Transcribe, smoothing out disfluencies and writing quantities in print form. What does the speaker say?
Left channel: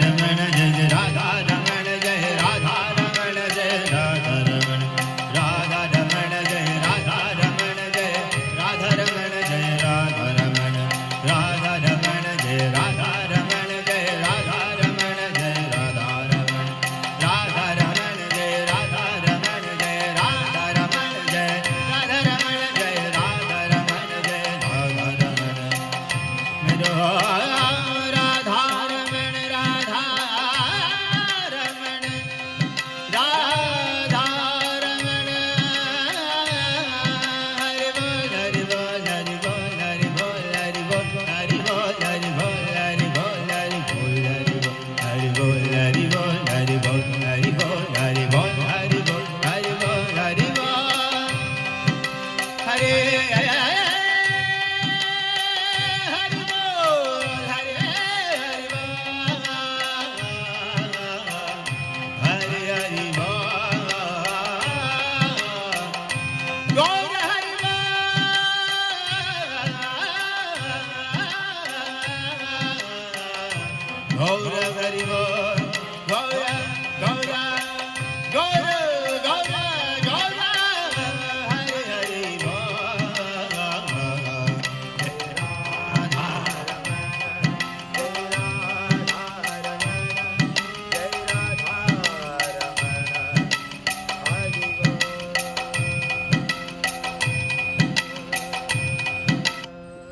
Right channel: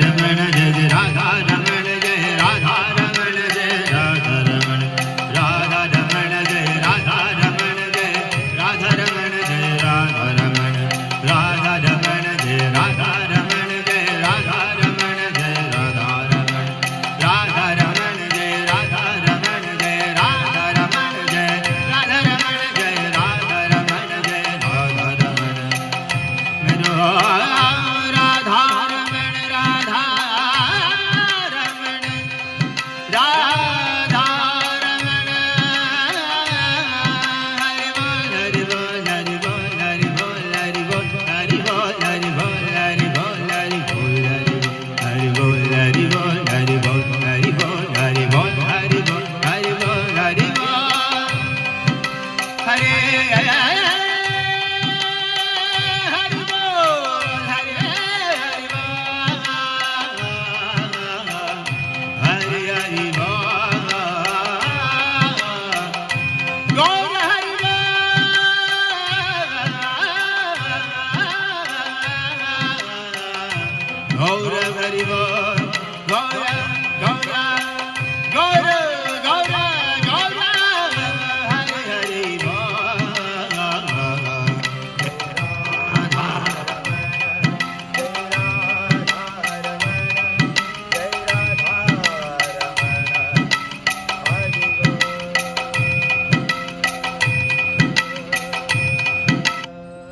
रमण जय जय राधा रमण जय राधा रमण जय राधा रमण राधा रमण जय राधा रमण जय राधा रमण जय राधा रमण राधा रमण जय राधा रमण जय राधा रमण जय राधा रमण राधा रमण जय राधा रमण जय राधा रमण जय राधा रमण जय राधा रमण जय राधा रमण मेरो राधा रमण राधा रमण राधा रमण हरि बोल हरि बोल हरि बोल हरि बोल हरि बोल हरि बोल हरि बोल हरि बोल हरि बोल हरि बोल हरि बोल हरि बोल हरि बोल हरि बोल हरि बोल हरि बोल हरि बोल हरे हरि बोल हरे हरि बोल हरि हरि बोल गौर हरि बोल गौर हरि बोल गौर